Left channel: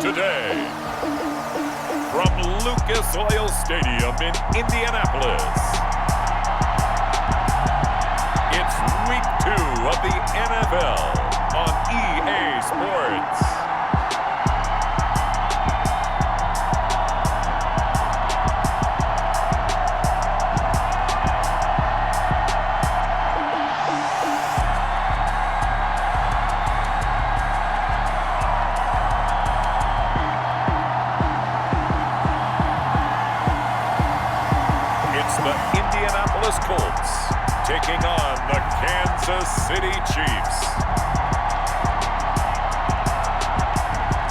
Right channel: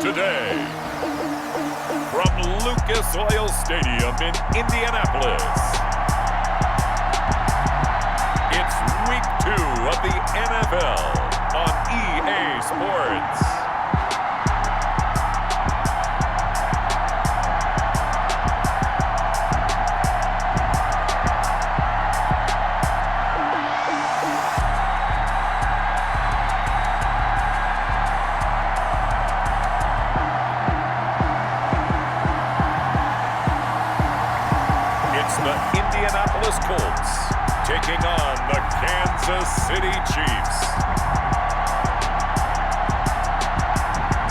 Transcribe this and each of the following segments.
Today, from Lucas Oil Stadium in Indianapolis, it's Week 2 of the NFL on EA Sports. It's the Indianapolis Colts taking on the Kansas City Chiefs.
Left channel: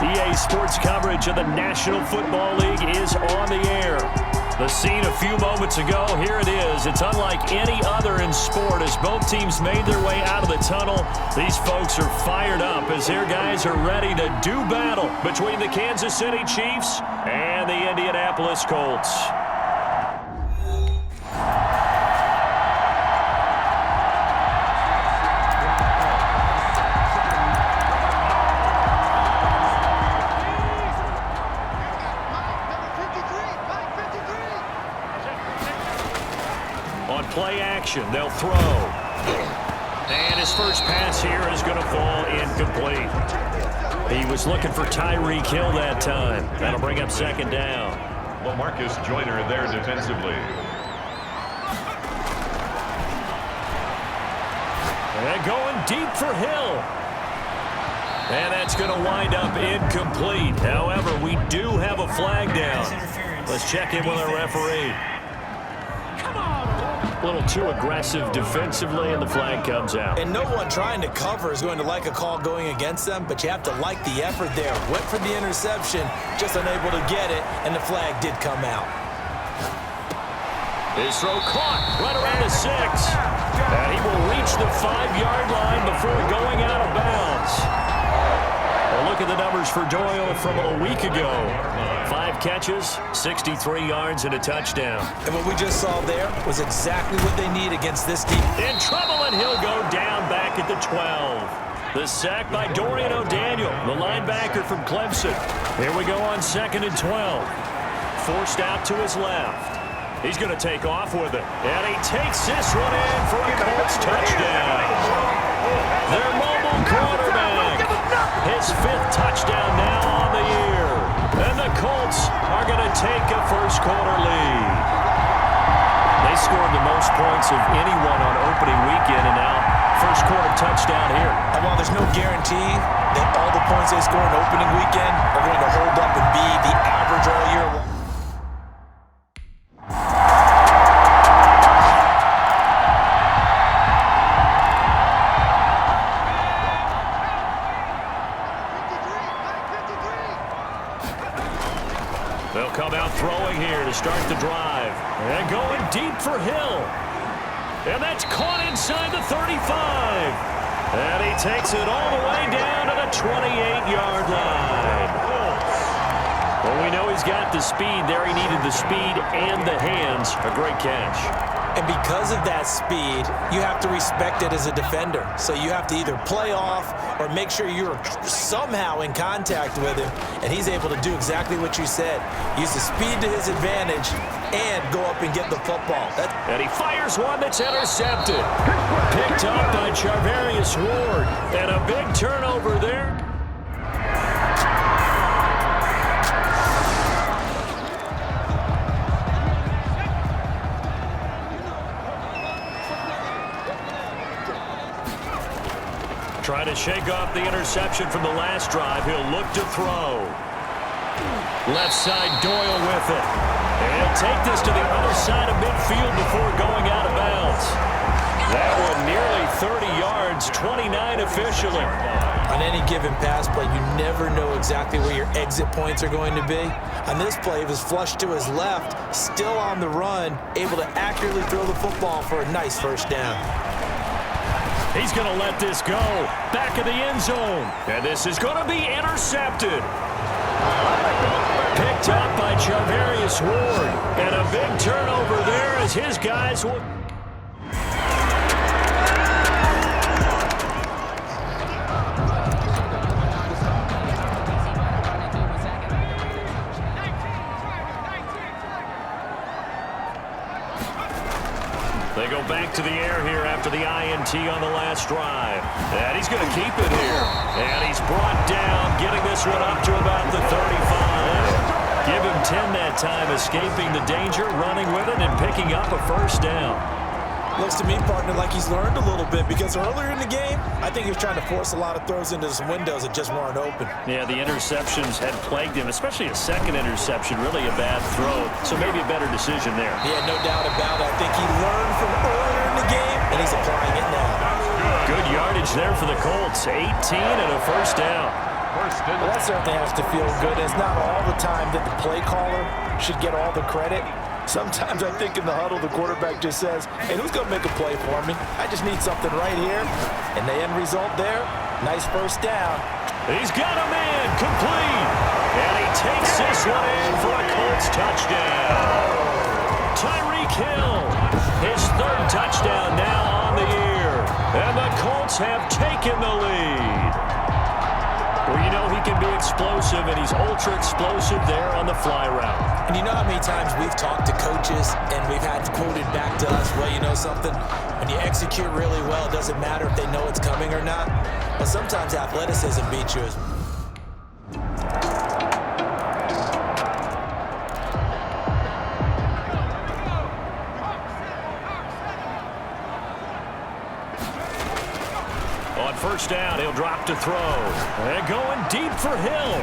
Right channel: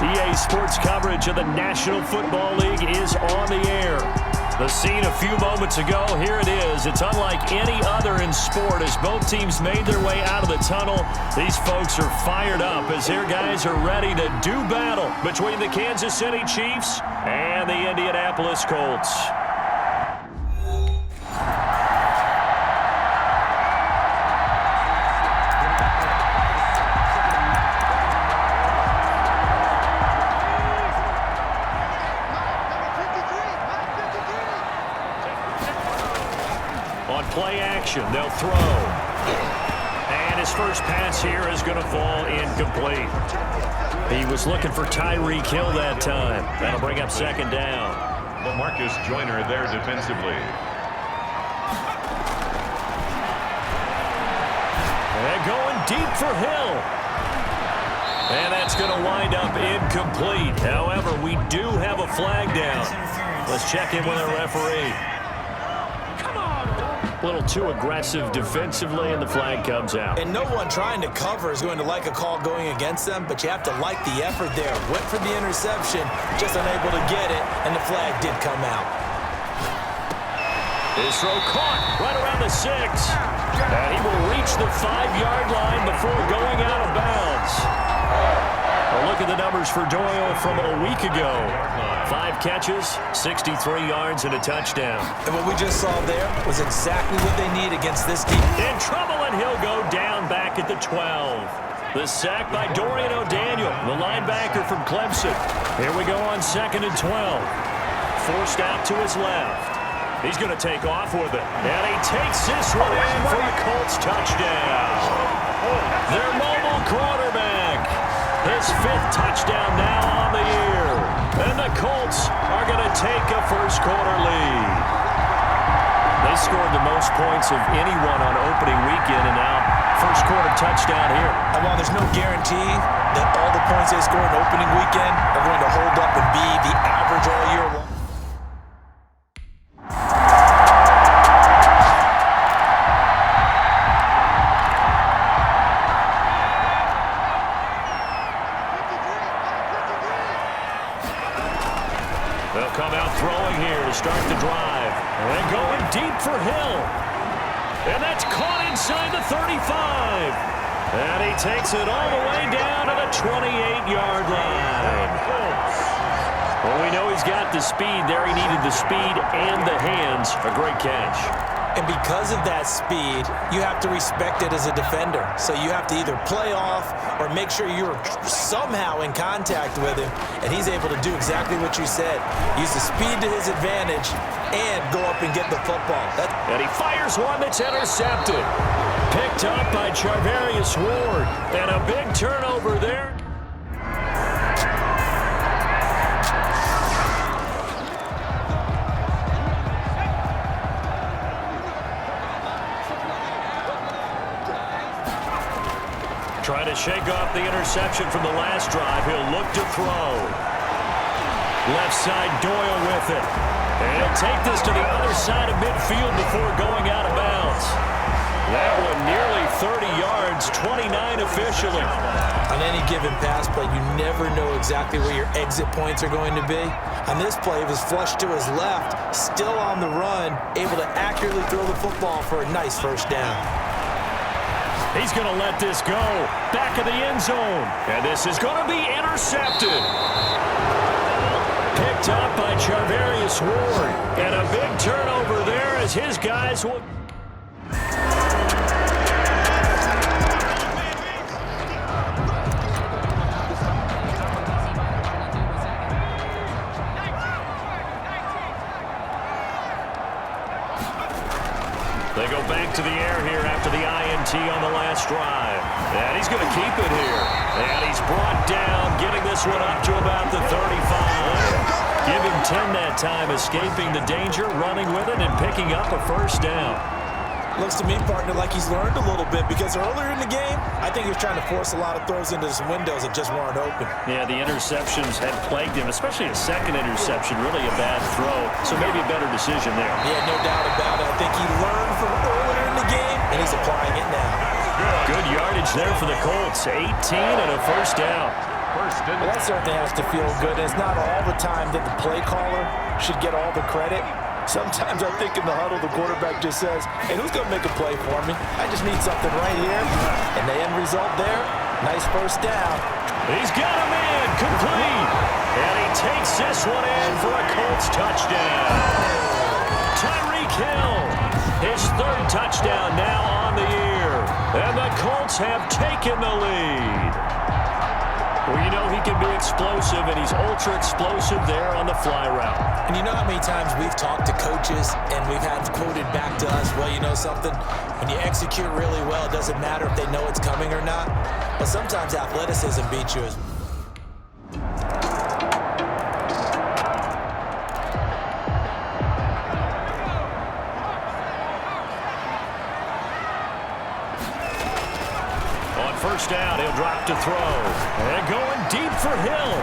EA Sports coverage of the National Football League is on the air. The scene a few moments ago, here it is. It's unlike any other in sport as both teams made their way out of the tunnel. These folks are fired up as their guys are ready to do battle between the Kansas City Chiefs and the Indianapolis Colts. On play action, they'll throw. And his first pass here is going to fall incomplete. He was looking for TYREEK Hill that time. That'll bring up second down. Well, Marcus Joyner there defensively. And going deep for Hill. And that's going to wind up incomplete. However, we do have a flag down. Let's check in with our referee. A little too aggressive defensively, and the flag comes out. And no one trying to cover is going to like a call going against them, but you have to like the effort there. Went for the interception, just unable to get it, and the flag did come out. His throw caught right around the 6. And he will reach the 5-yard line before going out of bounds. Well, look at the numbers for Doyle from a week ago. 5 catches, 63 yards, and a touchdown. And what we just saw there was exactly what they need against this team. In trouble, and he'll go down back at the 12. The sack by Dorian O'Daniel, the linebacker from Clemson. Here we go on 2nd and 12. Forced out to his left. He's going to take off with it. And he takes this one in for a Colts touchdown. Their mobile quarterback. His 5th touchdown now on the year. And the Colts are going to take a first-quarter lead. They scored the most points of anyone on opening weekend, and now first-quarter touchdown here. And while there's no guarantee that all the points they score in opening weekend are going to hold up and be the average all year long, they'll come out throwing here to start the drive. And going deep for Hill. And that's caught inside the 35. And he takes it all the way down to the 28-yard line. Well, we know he's got the speed there. He needed the speed and the hands. A great catch. and because of that speed, you have to respect it as a defender. So you have to either play off or make sure you're somehow in contact with him, and he's able to do exactly what you said. Use the speed to his advantage and go up and get the football. And he fires one that's intercepted. Picked up by Charvarius Ward. And a big turnover there. Trying to shake off the interception from the last drive. He'll look to throw. Left side, Doyle with it. And he'll take this to the other side of midfield before going out of bounds. That one nearly 30 yards, 29 officially. On any given pass play, you never know exactly where your exit points are going to be. On this play, it was flushed to his left, still on the run, able to accurately throw the football for a nice first down. He's going to let this go. Back of the end zone. And this is going to be intercepted. Picked up by Charvarius Ward. And a big turnover there as his guys will... here after the INT on the last drive. And he's going to keep it here. And he's brought down, getting this one up to about the 35. Give him 10 that time, escaping the danger, running with it, and picking up a first down. Looks to me, partner, like he's learned a little bit, because earlier in the game, I think he was trying to force a lot of throws into some windows that just weren't open. Yeah, the interceptions had plagued him, especially a second interception, really a bad throw. So maybe a better decision there. Yeah, no doubt about it. I think he learned from earlier in the game, and he's applying it now. Good yardage there for the Colts. 18 and a first down. Well, that certainly has to feel good. It's not all the time that the play caller should get all the credit. Sometimes I think in the huddle, the quarterback just says, hey, who's going to make a play for me? I just need something right here. And the end result there, nice first down. He's got a man, complete. And he takes this one in for a Colts touchdown. TYREEK Hill, his third touchdown now on the year. And the Colts have taken the lead. Well, you know he can be explosive, and he's ultra-explosive there on the fly route. And you know how many times we've talked to coaches and we've had quoted back to us, well, you know something? When you execute really well, it doesn't matter if they know it's coming or not. Well, sometimes athleticism beats you. On first down, he'll drop to throw. And going deep for Hill.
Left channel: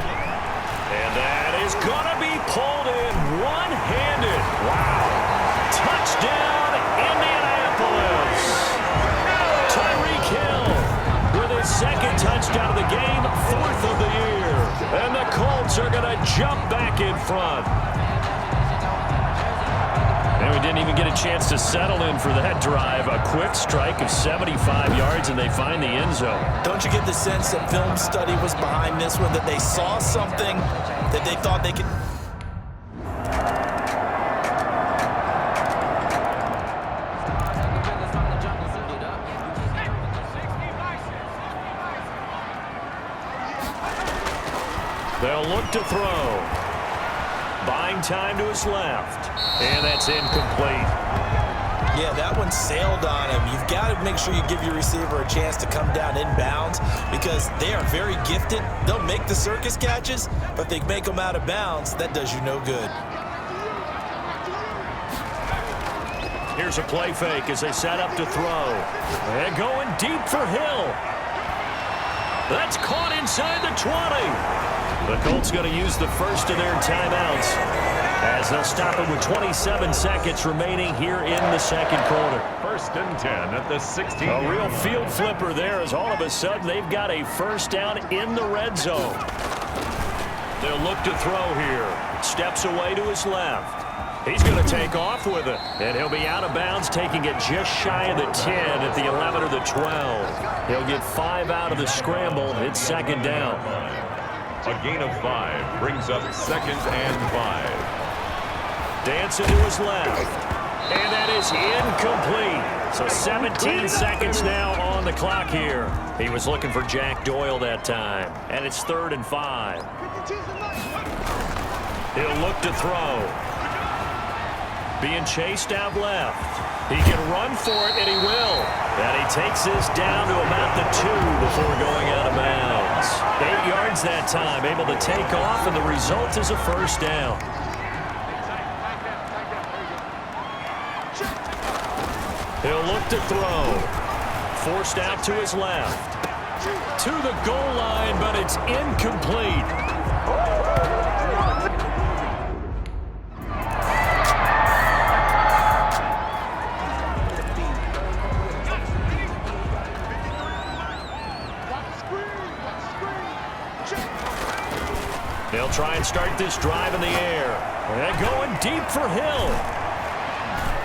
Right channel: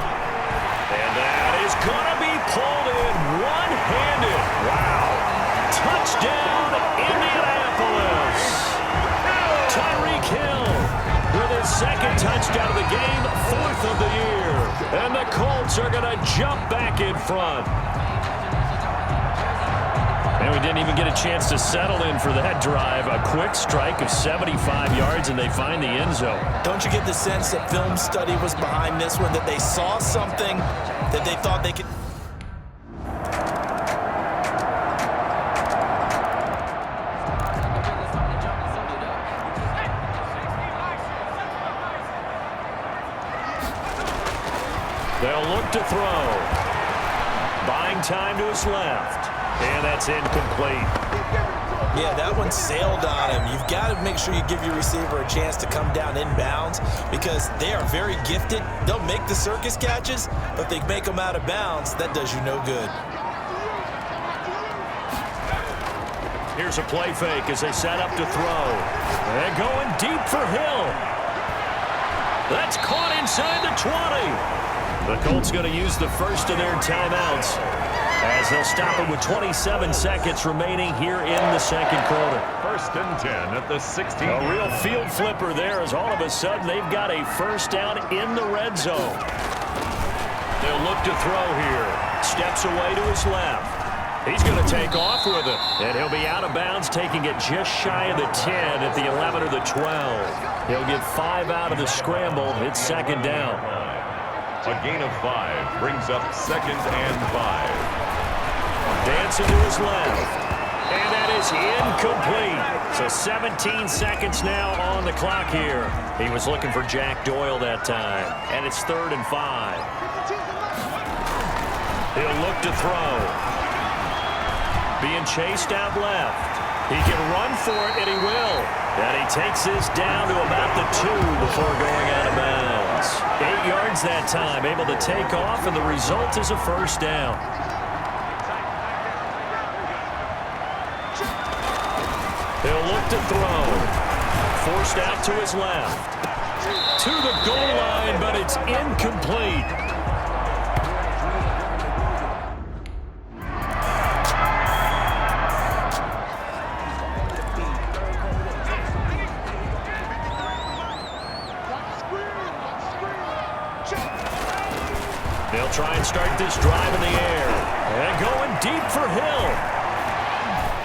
And that is going to be pulled in one-handed. Wow. Touchdown, Indianapolis. TYREEK Hill with his second touchdown of the game, fourth of the year. And the Colts are going to jump back in front. And we didn't even get a chance to settle in for that drive. A quick strike of 75 yards, and they find the end zone. Don't you get the sense that film study was behind this one, that they saw something that they thought they could... They'll look to throw. Buying time to his left. And that's incomplete. Yeah, that one sailed on him. You've got to make sure you give your receiver a chance to come down inbounds, because they are very gifted. They'll make the circus catches, but if they make them out of bounds, that does you no good. Here's a play fake as they set up to throw. And going deep for Hill. That's caught inside the 20. The Colts going to use the first of their timeouts as they'll stop it with 27 seconds remaining here in the second quarter. 1st and 10 at the 16. A real field flipper there, as all of a sudden they've got a first down in the red zone. They'll look to throw here. Steps away to his left. He's going to take off with it, and he'll be out of bounds, taking it just shy of the 10 at the 11 or the 12. He'll get 5 out of the scramble. It's second down. A gain of 5 brings up 2nd and 5. Dancing to his left. And that is incomplete. So 17 seconds now on the clock here. He was looking for Jack Doyle that time. And it's 3rd and 5. He'll look to throw. Being chased out left. He can run for it, and he will. And he takes this down to about the 2 before going out of bounds. 8 yards that time, able to take off, and the result is a first down. He'll look to throw. Forced out to his left. To the goal line, but it's incomplete. They'll try and start this drive in the air. And going deep for Hill.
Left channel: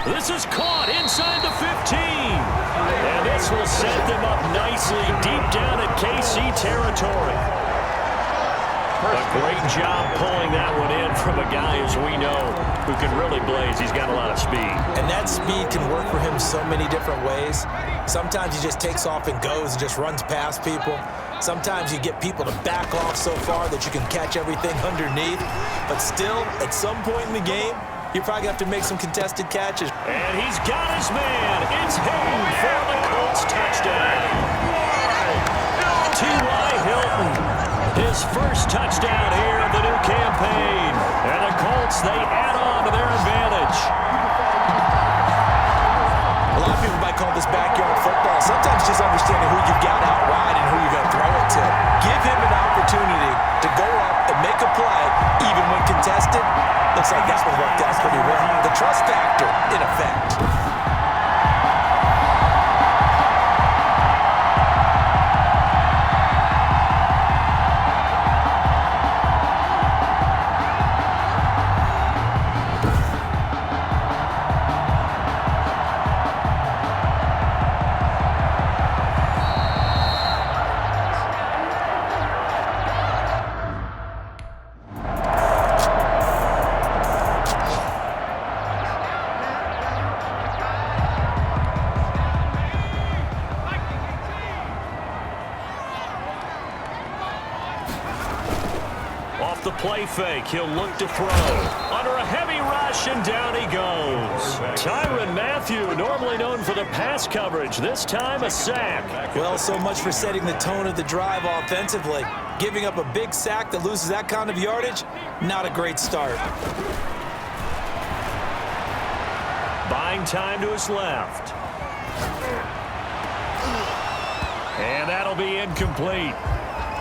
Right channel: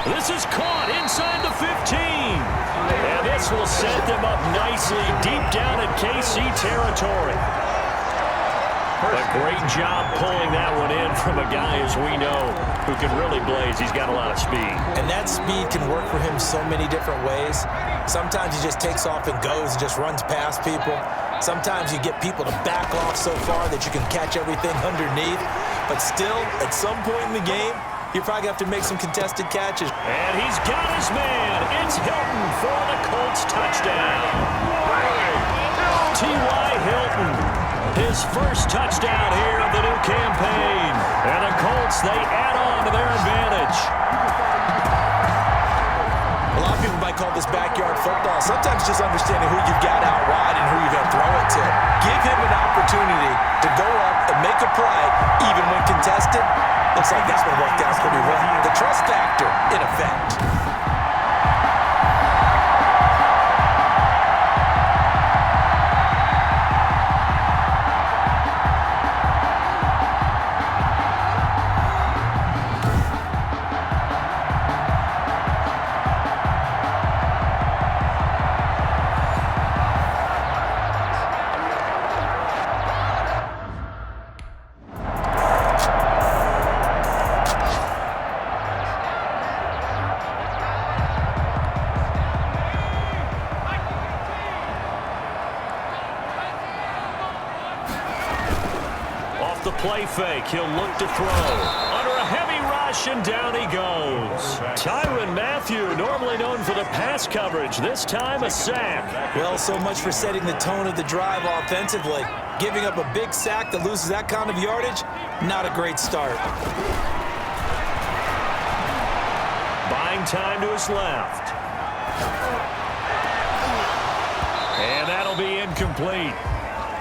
This is caught inside the 15. And this will set them up nicely deep down in KC territory. A great job pulling that one in from a guy, as we know, who can really blaze. He's got a lot of speed. And that speed can work for him so many different ways. Sometimes he just takes off and goes and just runs past people. Sometimes you get people to back off so far that you can catch everything underneath. But still, at some point in the game, you're probably going to have to make some contested catches. And he's got his man. It's Hilton for the Colts touchdown. T.Y. Hilton, his first touchdown here of the new campaign. And the Colts, they add on to their advantage. A lot of people might call this backyard football. Sometimes just understanding who you've got out wide and who you're going to throw it to. Give him an opportunity to go up and make a play, even when contested. Looks like that one worked out pretty well. The trust factor, in effect. Off the play fake, he'll look to throw. Under a heavy rush, and down he goes. Tyrann Mathieu, normally known for the pass coverage, this time a sack. Well, so much for setting the tone of the drive offensively. Giving up a big sack that loses that kind of yardage, not a great start. Buying time to his left. And that'll be incomplete.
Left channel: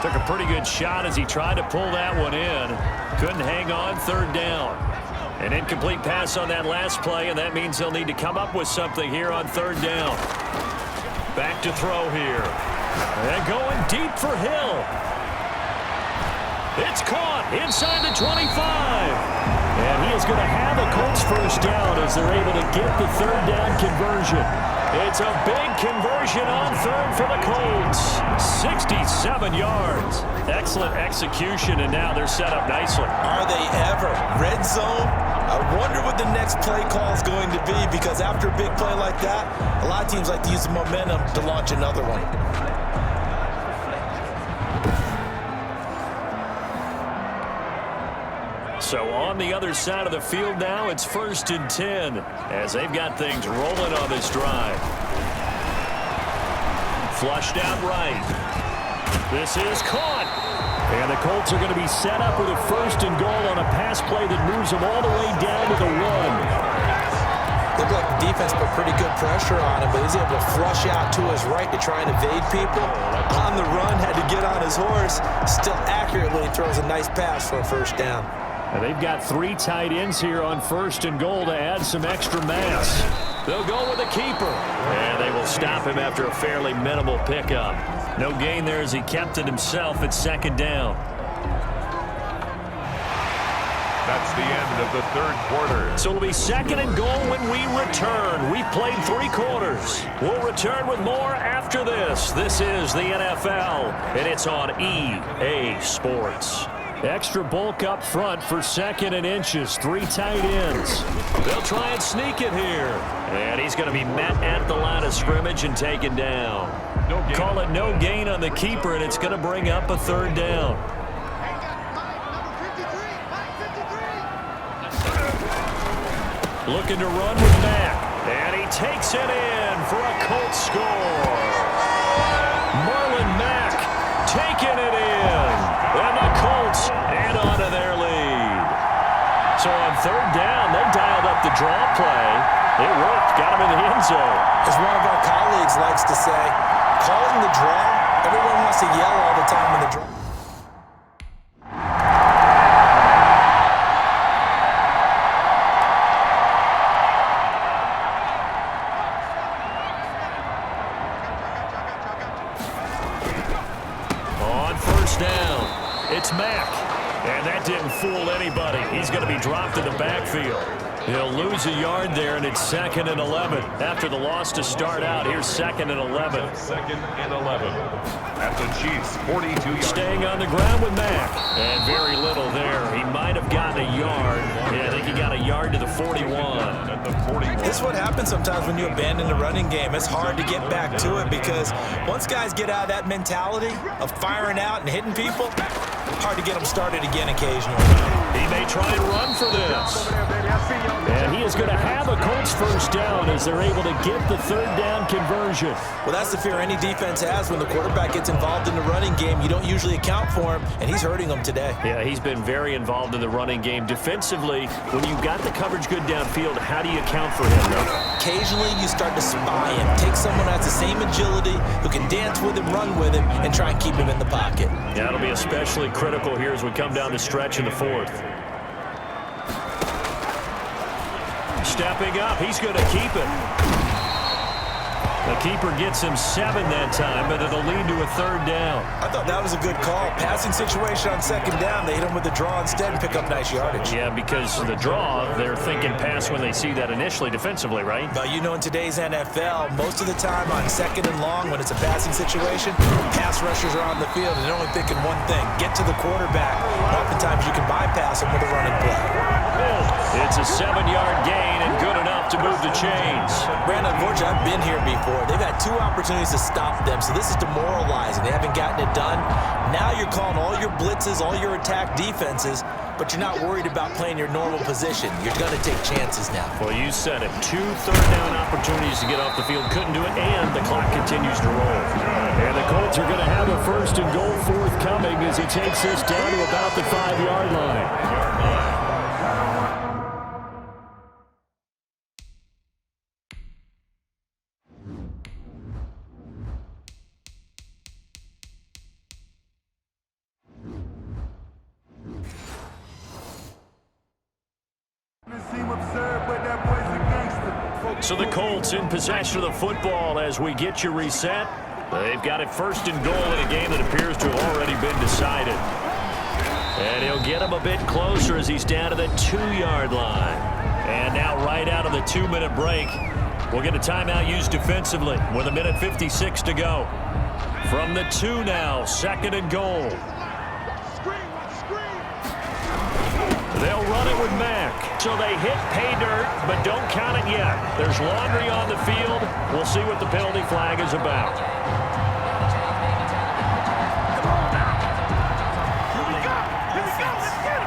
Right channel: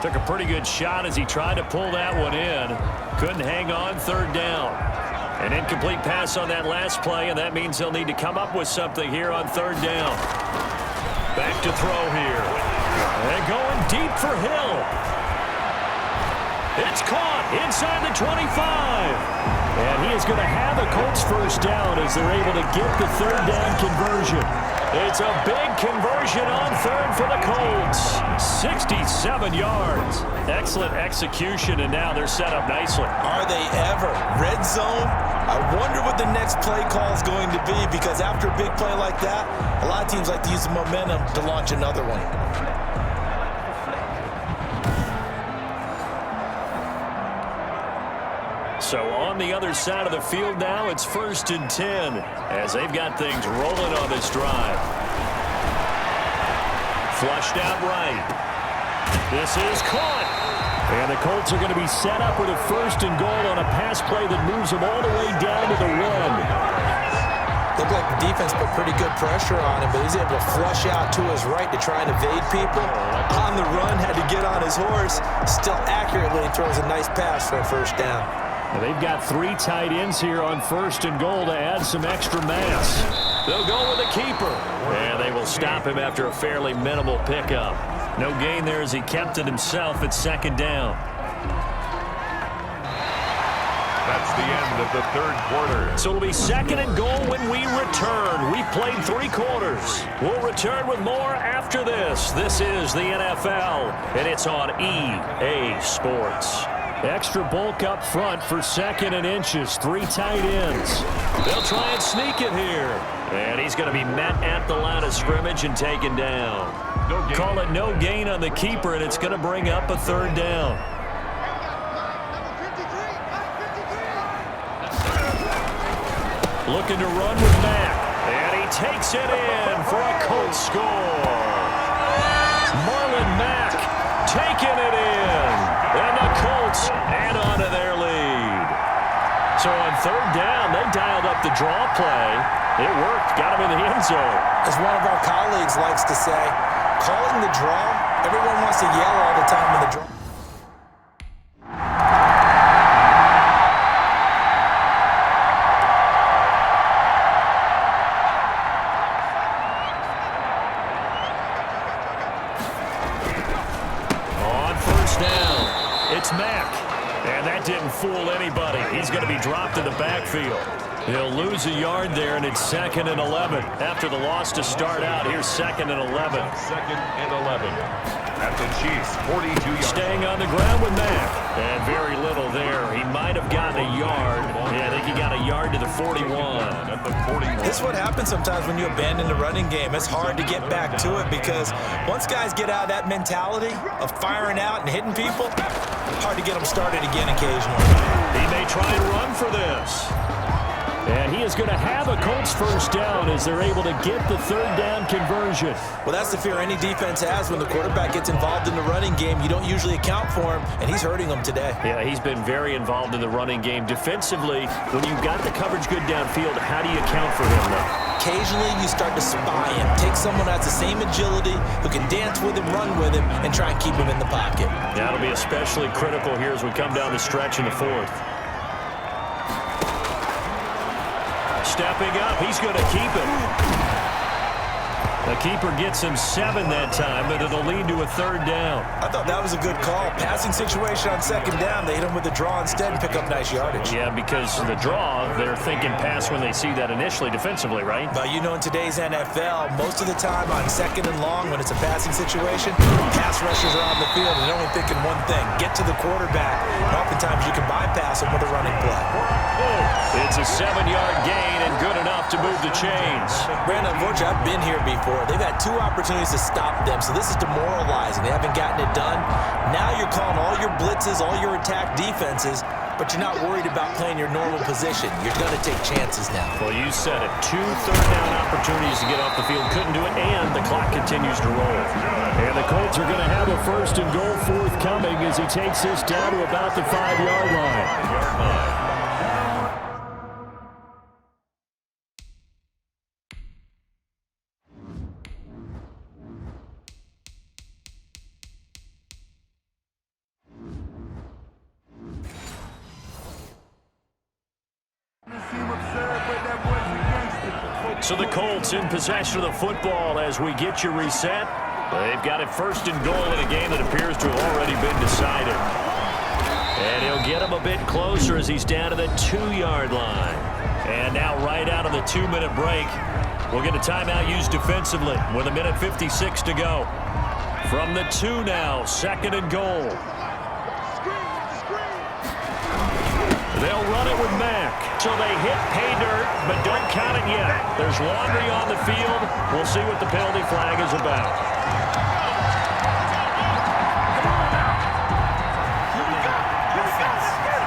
Took a pretty good shot as he tried to pull that one in. Couldn't hang on, third down. An incomplete pass on that last play, and that means they'll need to come up with something here on third down. Back to throw here. And going deep for Hill. It's caught inside the 25. And he is going to have a Colts first down as they're able to get the third down conversion. It's a big conversion on third for the Colts. 67 yards. Excellent execution, and now they're set up nicely. Are they ever? Red zone? I wonder what the next play call is going to be, because after a big play like that, a lot of teams like to use the momentum to launch another one. So on the other side of the field now, it's 1st and 10 as they've got things rolling on this drive. Flushed out right. This is caught. And the Colts are going to be set up with a 1st and goal on a pass play that moves them all the way down to the 1. Looked like the defense put pretty good pressure on him, but he's able to flush out to his right to try and evade people. On the run, had to get on his horse. Still accurately throws a nice pass for a first down. And they've got 3 tight ends here on 1st and goal to add some extra mass. They'll go with a keeper. And they will stop him after a fairly minimal pickup. No gain there as he kept it himself at 2nd down. That's the end of the third quarter. So it'll be 2nd and goal when we return. We've played 3 quarters. We'll return with more after this. This is the NFL, and it's on EA Sports. Extra bulk up front for 2nd and inches. 3 tight ends. They'll try and sneak it here. And he's going to be met at the line of scrimmage and taken down. Call it no gain on the keeper, and it's going to bring up a 3rd down. Looking to run with Mack. And he takes it in for a Colts score. Marlon Mack taking it in. And the Colts add on to their lead. So on 3rd down, they dialed up the draw play. It worked. Got him in the end zone. As one of our colleagues likes to say, calling the draw, everyone wants to yell all the time when the draw. On 1st down, it's Mack. And that didn't fool anybody. He's going to be dropped in the backfield. He'll lose a yard there, and it's 2nd and 11. After the loss to start out, here's 2nd and 11. 2nd and 11. At the Chiefs, 42 yards. Staying on the ground with Mack. And very little there. He might have gotten a yard. Yeah, I think he got a yard to the 41. At the 41. This is what happens sometimes when you abandon the running game. It's hard to get back to it because once guys get out of that mentality of firing out and hitting people, hard to get them started again occasionally. He may try and run for this. And he is going to have a Colts first down as they're able to get the third down conversion. Well, that's the fear any defense has when the quarterback gets involved in the running game. You don't usually account for him, and he's hurting them today. Yeah, he's been very involved in the running game. Defensively, when you've got the coverage good downfield, how do you account for him, though? Occasionally, you start to spy him. Take someone who has the same agility, who can dance with him, run with him, and try and keep him in the pocket. That'll be especially critical here as we come down the stretch in the fourth. Stepping up, he's going to keep it. The keeper gets him 7 that time, but it'll lead to a third down. I thought that was a good call. Passing situation on second down, they hit him with the draw instead and pick up nice yardage. Yeah, because the draw, they're thinking pass when they see that initially defensively, right? But you know, in today's NFL, most of the time on second and long, when it's a passing situation, pass rushers are on the field and they're only thinking one thing, get to the quarterback. And oftentimes you can bypass him with a running play. It's a 7-yard gain and good enough to move the chains. Brandon, unfortunately, I've been here before. They've had 2 opportunities to stop them, so this is demoralizing. They haven't gotten it done. Now you're calling all your blitzes, all your attack defenses, but you're not worried about playing your normal position. You're going to take chances now. Well, you said it. 2 third-down opportunities to get off the field. Couldn't do it, and the clock continues to roll. And the Colts are going to have a first and goal forthcoming as he takes this down to about the 5-yard line. So the Colts in possession of the football as we get you reset. They've got it first and goal in a game that appears to have already been decided. And he'll get him a bit closer as he's down to the 2-yard line. And now right out of the 2-minute break, we'll get a timeout used defensively with 1:56 to go. From the 2 now, second and goal. They'll run it with Mack. So they hit pay dirt, but don't count it yet. There's laundry on the field. We'll see what the penalty flag is about. Come on now. Here we go. Here we go. Let's get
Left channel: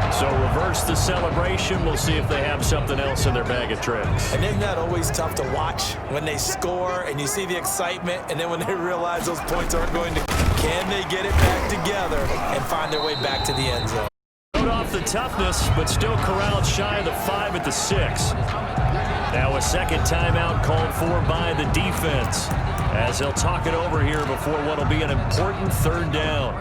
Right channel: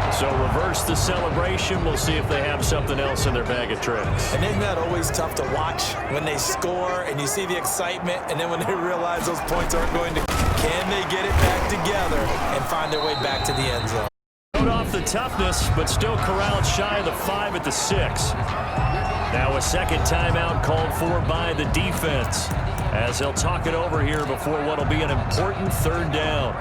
him. So reverse the celebration. We'll see if they have something else in their bag of tricks. And isn't that always tough to watch when they score and you see the excitement, and then when they realize those points aren't going to... Can they get it back together and find their way back to the end zone? Showed off the toughness, but still corralled shy of the 5 at the 6. Now a second timeout called for by the defense as they'll talk it over here before what will be an important third down.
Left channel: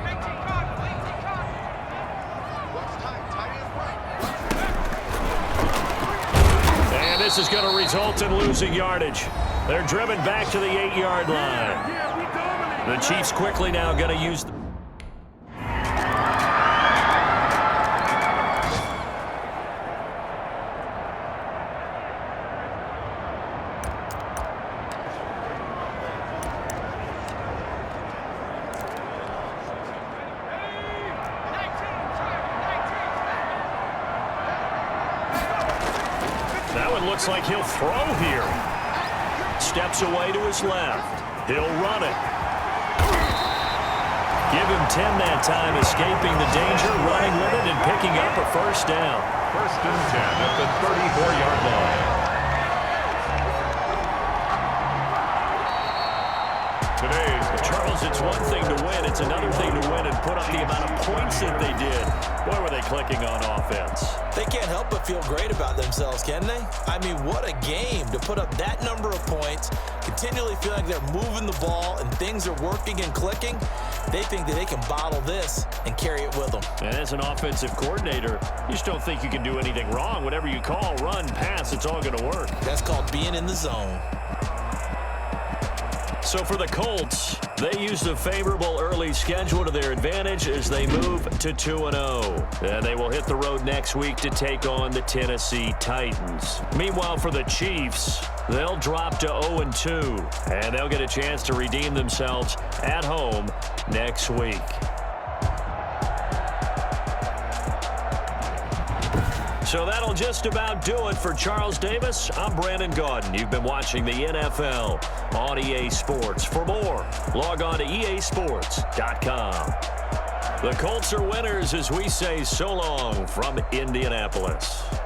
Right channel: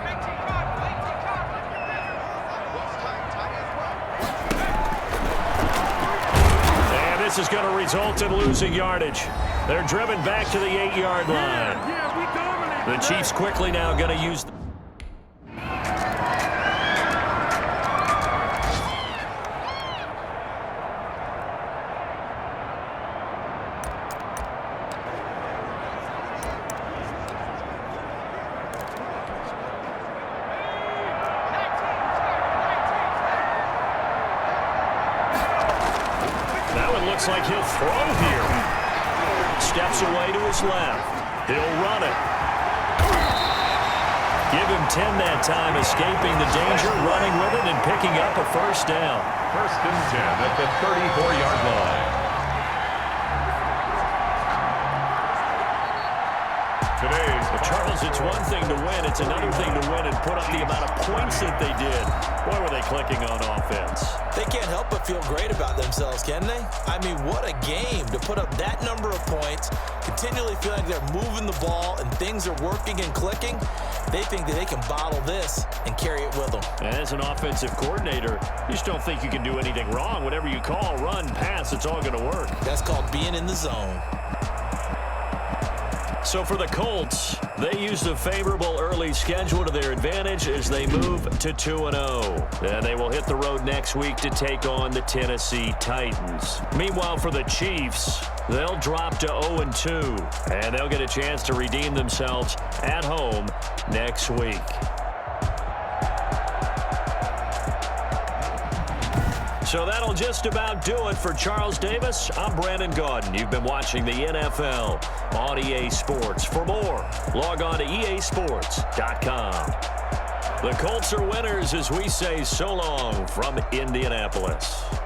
And this is going to result in losing yardage. They're driven back to the 8-yard line. The Chiefs quickly now going to use the... That one looks like he'll throw here. Steps away to his left. He'll run it. Give him 10 that time, escaping the danger, running with it, and picking up a first down. First and 10 at the 34-yard line. Today's Charles, it's one thing to win. It's another thing to win and put up the amount of points that they did. Boy, were they clicking on offense. They can't help but feel great about themselves, can they? I mean, what a game to put up that number of points, continually feeling like they're moving the ball and things are working and clicking. They think that they can bottle this and carry it with them. And as an offensive coordinator, you just don't think you can do anything wrong. Whatever you call, run, pass, it's all going to work. That's called being in the zone. So for the Colts, they use the favorable early schedule to their advantage as they move to 2-0. And they will hit the road next week to take on the Tennessee Titans. Meanwhile, for the Chiefs, they'll drop to 0-2, and they'll get a chance to redeem themselves at home next week. So that'll just about do it for Charles Davis. I'm Brandon Gaudin. You've been watching the NFL on EA Sports. For more, log on to easports.com. The Colts are winners as we say so long from Indianapolis.